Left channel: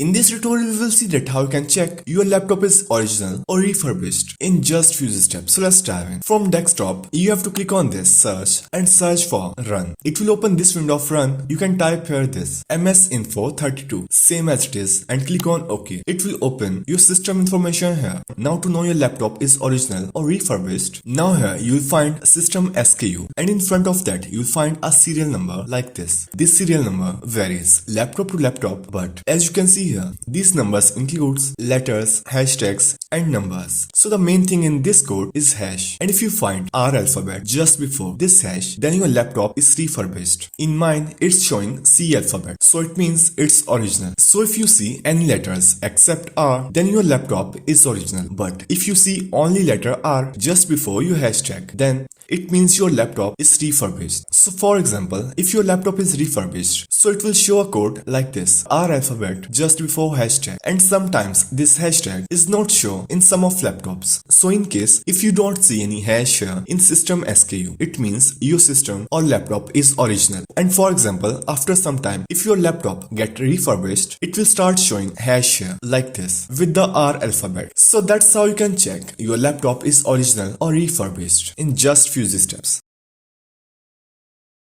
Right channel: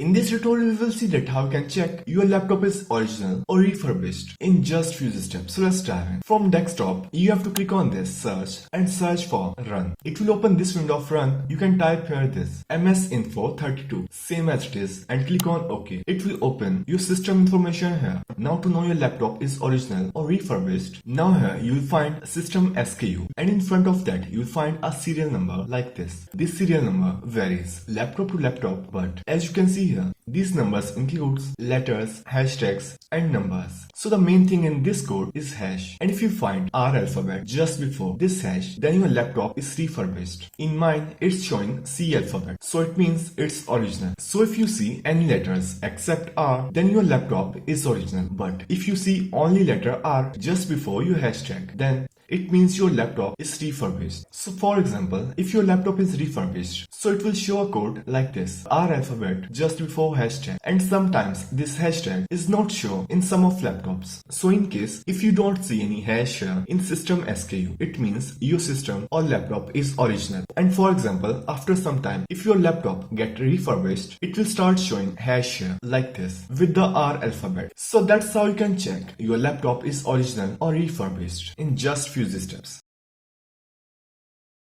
In this tutorial, we will see that how you can check your laptop is original or refurbished in just few steps. So let's dive in. From desktop, you have to click on this search and search for run. It will open this window of run. You can type here this msinfo32 same as it is and click on OK. It will open your system information here. Now to know your laptop is original or refurbished, now here you will find system SKU and in front of that you will find a serial number like this. This serial number varies laptop to laptop, but as you can see here, these numbers includes letters, hashtags and numbers. So the main thing in this code is hash, and if you find R alphabet just before this hash, then your laptop is refurbished. In mine it's showing C alphabet, so it means it's original. So if you see any letters except R, then your laptop is original, but if you see only letter R just before your hashtag, then it means your laptop is refurbished. So for example, if your laptop is refurbished, so it will show a code like this, R alphabet just before hashtag, and sometimes this hashtag is not shown in some of laptops. So in case if you don't see any hash here in system SKU, it means your system or laptop is original. And for example, after some time, if your laptop get refurbished, it will start showing hash here like this with the R alphabet. So that's how you can check your laptop is original or refurbished in just few steps.